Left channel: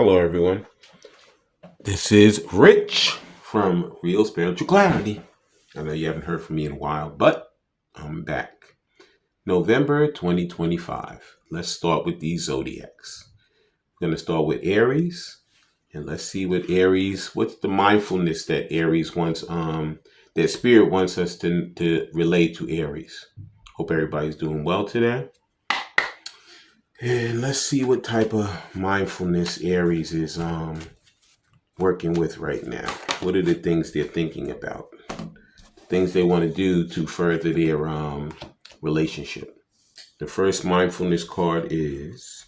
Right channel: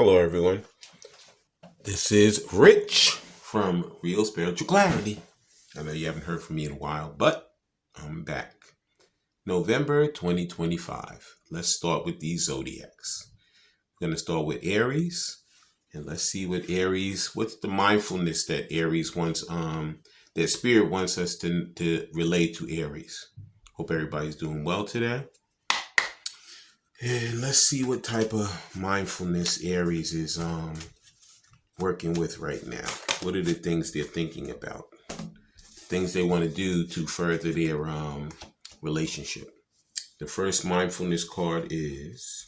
Hello, everyone. This is Rich from Real Spiritual Clarity. I know you haven't heard from me in a while, but I'm back. November 2025. Let's start with these zodiacs. We're going to start with Aries, and let's see what Aries, what's the mindfulness that Aries wants, that Spirit wants us to relate to Aries. Hope everybody's doing well today. And let's see what type of mindfulness Aries is working with right now. What are the things they're thinking about? Things they want to do to further their relationship. The first mindfulness card is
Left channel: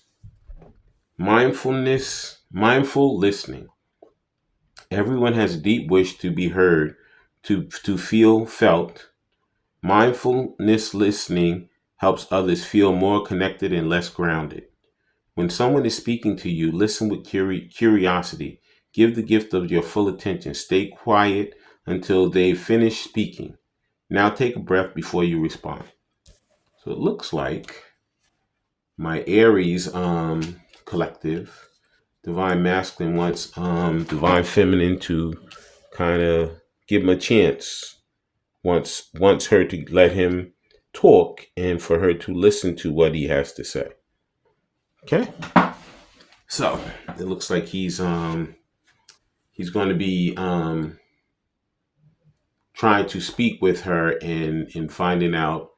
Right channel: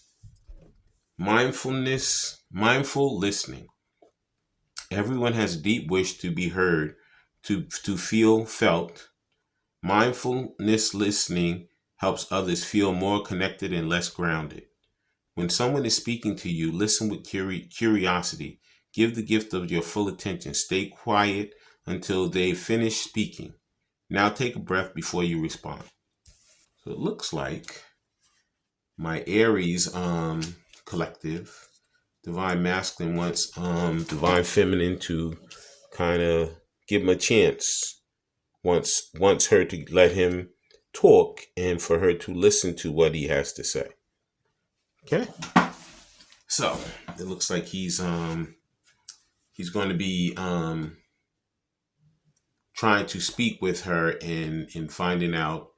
mindful listening. Everyone has a deep wish to be heard, to feel felt. Mindfulness listening helps others feel more connected and less grounded. When someone is speaking to you, listen with curiosity. Give the gift of your full attention. Stay quiet until they finish speaking. Now take a breath before you respond. So it looks like my Aries collective, Divine Masculine, wants Divine Feminine to kind of give him a chance. Wants her to let him talk and for her to listen to what he has to say. Okay? So it looks like he's going to be trying to speak with her and finding out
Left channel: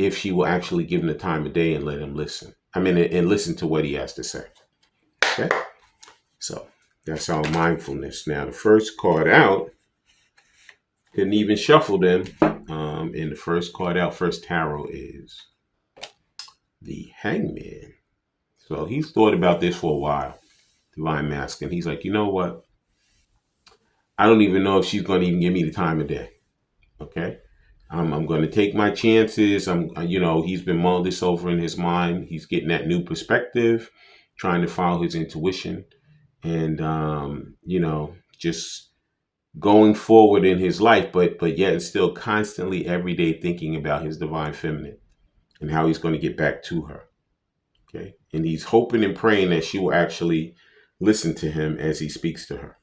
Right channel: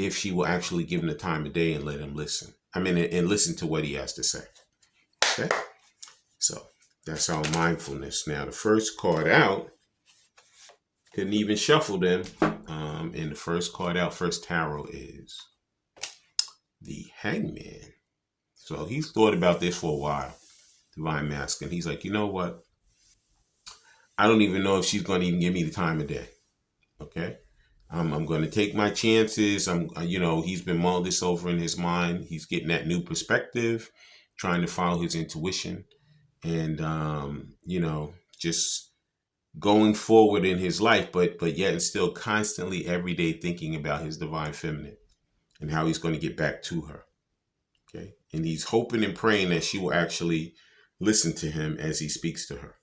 if she will actually give him the time of day and let him listen. And listen to what he has to say. Okay, so that's our mindfulness. Now the first card out, couldn't even shuffle them. And the first card out, first tarot, is the Hangman. So he's thought about this for a while. Divine Masculine. He's like, you know what? I don't even know if she's going to even give me the time of day. Okay. I'm going to take my chances. He's been mulling this over in his mind. He's getting that new perspective, trying to follow his intuition and, just going forward in his life, but yet and still constantly every day thinking about his divine feminine and how he's going to get back to her. Okay. And he's hoping and praying that she will actually listen to him as he speaks to her.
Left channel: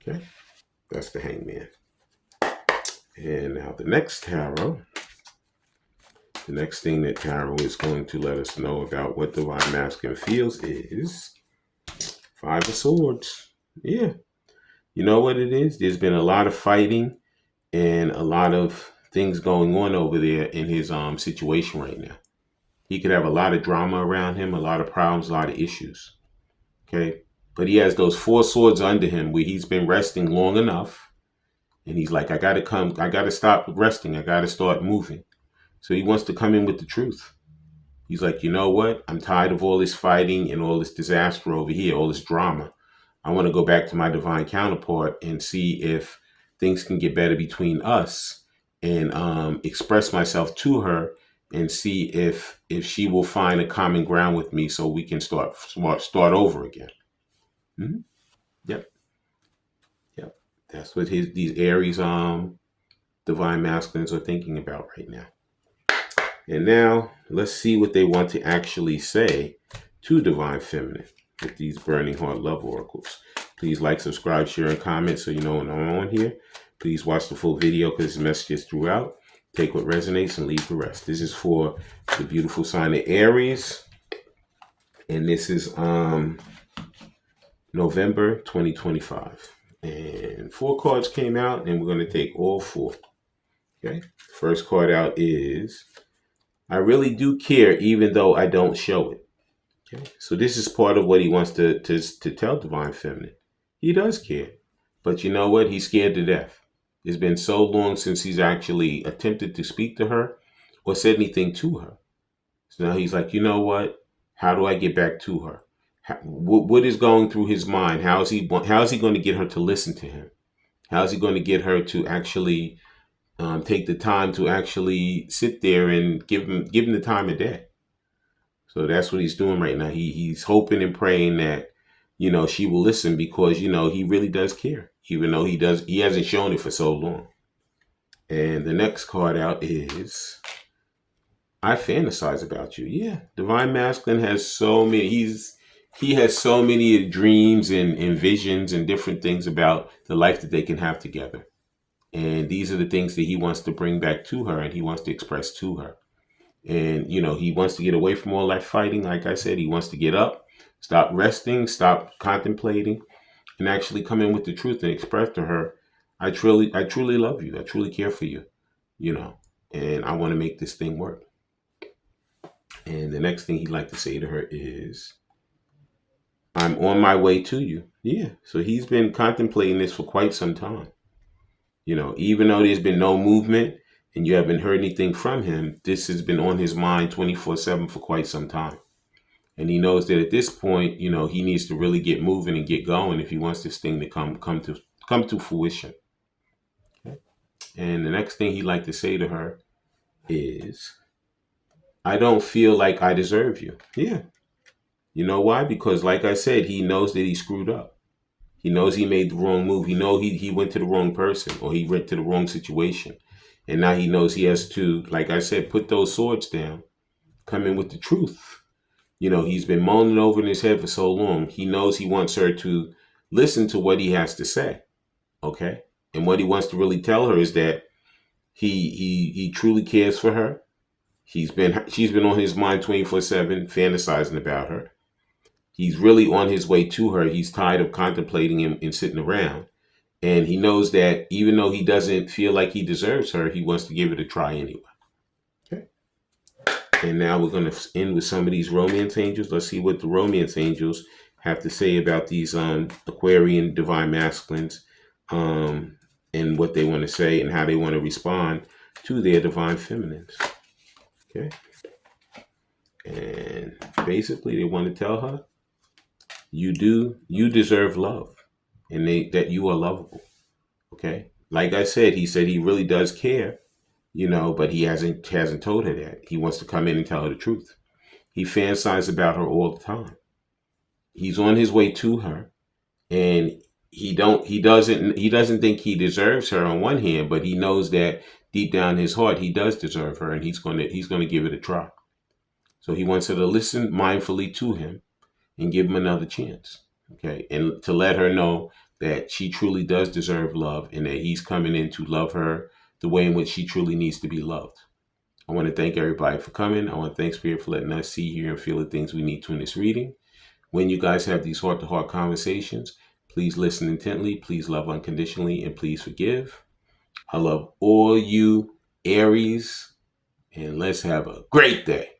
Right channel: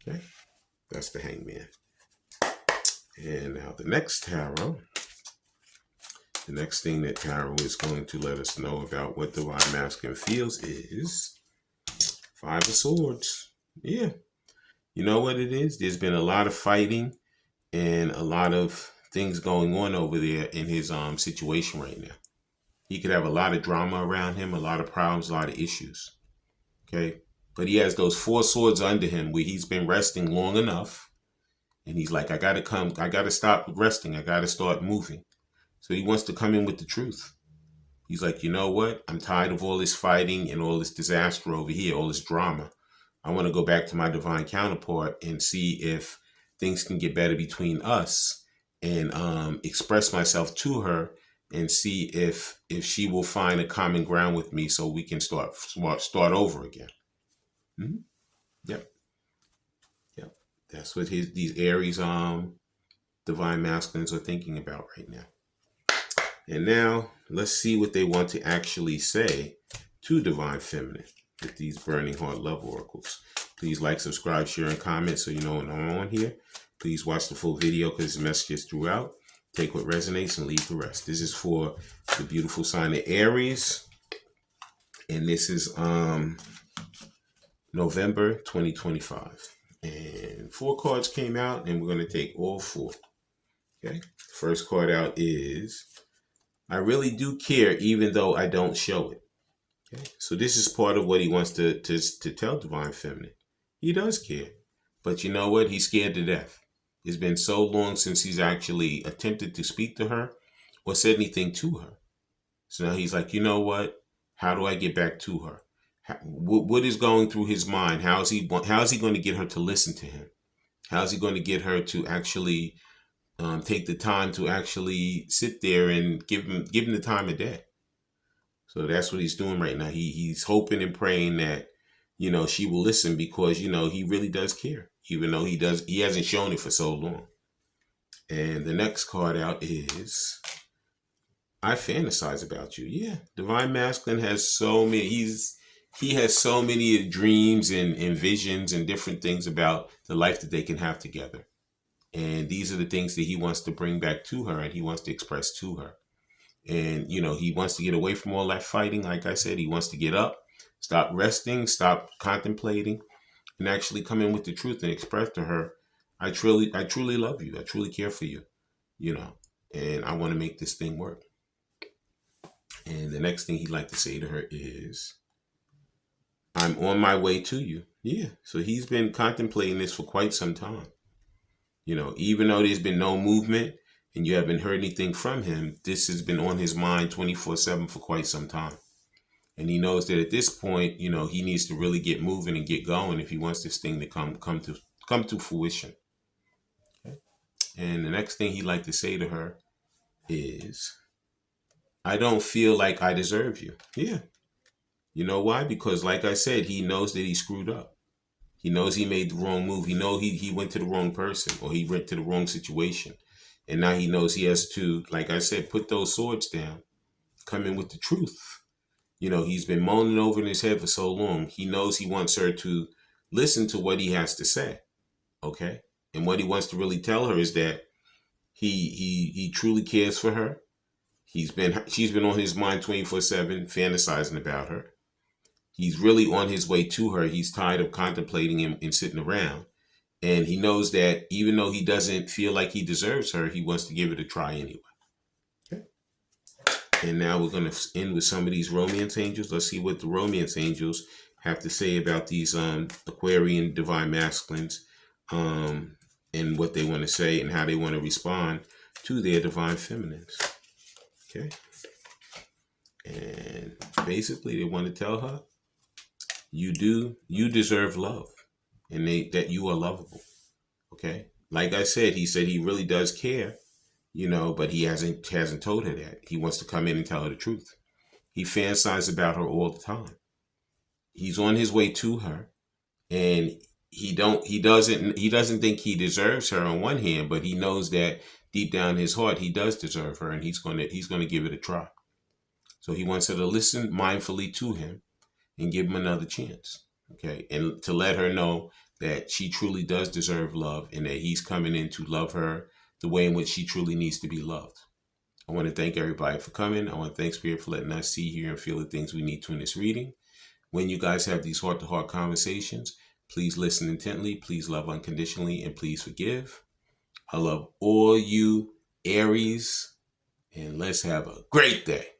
Okay. That's the Hangman. And now the next tarot, the next thing that tarot is going to let us know about what Divine Masculine feels is Five of Swords. Yeah. You know what it is? There's been a lot of fighting and a lot of things going on over there in his situation right now. He could have a lot of drama around him, a lot of problems, a lot of issues. Okay. But he has those four swords under him where he's been resting long enough. And he's like, I got to stop resting. I got to start moving. So he wants to come in with the truth. He's like, you know what? I'm tired of all this fighting and all this disaster over here, all this drama. I want to go back to my divine counterpart and see if things can get better between us and express myself to her and see if she will find a common ground with me so we can start over again. Mm-hmm. Yep. That's what these Aries Divine Masculines are thinking about right now. And now let's see what they want to actually say to Divine Feminine with these Burning Heart Love Oracles. Please like, subscribe, share, and comment so you know when I'm on here. Please watch the full video because the messages throughout. Take what resonates and leave the rest. This is for the beautiful sign of Aries. And this is November 2025. And 4 cards came out, and we're going to take all 4. Okay. First card out is, I really do care, even though I don't show it. Okay. So this is part of what he wants to tell Divine Feminine. He does care. But you know what? He's scared to death. It's been so long since he's actually attempted to speak to her or said anything to her. So now he's like, you know what? How do I get back to her? What is going through his mind? How is he going to get her to listen to him? How is he going to get her to actually take the time to actually sit there and give him the time of day? So that's what he's doing right now. He's hoping and praying that, she will listen because, he really does care, even though he hasn't shown it for so long. And the next card out is, I fantasize about you. Yeah. Divine Masculine has so many. he has so many dreams and visions and different things about the life that they can have together. And these are the things that he wants to bring back to her and he wants to express to her. And, he wants to get away from all that fighting. Like I said, he wants to get up, stop resting, stop contemplating, and actually come in with the truth and express to her, I truly love you. I truly care for you, and I want to make this thing work. And the next thing he'd like to say to her is, I'm on my way to you. Yeah. So he's been contemplating this for quite some time. Even though there's been no movement and you haven't heard anything from him, this has been on his mind 24/7 for quite some time. And he knows that at this point, he needs to really get moving and get going if he wants this thing to come to fruition. Okay? And the next thing he'd like to say to her is, I don't feel like I deserve you. Yeah. You know why? Because like I said, he knows that he screwed up. He knows he made the wrong move. He knows he went to the wrong person or he went to the wrong situation. And now he knows he has to, like I said, put those swords down, come in with the truth. He's been moaning over in his head for so long. He knows he wants her to listen to what he has to say. Okay? And what he wants to really tell her is that he truly cares for her. She's been on his mind 24/7, fantasizing about her. He's really on his way to her. He's tired of contemplating him and sitting around. And he knows that even though he doesn't feel like he deserves her, he wants to give it a try anyway. Okay. And now we're going to end with some of these romance angels. Let's see what the romance angels have to say about these Aquarian divine masculines, and what they want to say and how they want to respond to their divine feminines. Okay. And basically they want to tell her, you deserve love, and that you are lovable. Okay. Like I said, he said he really does care, but he hasn't told her that. He wants to come in and tell her the truth. He fantasizes about her all the time. He's on his way to her, and he doesn't think he deserves her on one hand, but he knows that deep down in his heart he does deserve her, and he's gonna give it a try. So he wants her to listen mindfully to him and give him another chance. Okay. And to let her know that she truly does deserve love and that he's coming in to love her the way in which she truly needs to be loved. I want to thank everybody for coming. I want to thank Spirit for letting us see, hear, and feel the things we need to in this reading. When you guys have these heart-to-heart conversations, please listen intently, please love unconditionally, and please forgive. I love all you Aries, and let's have a great day.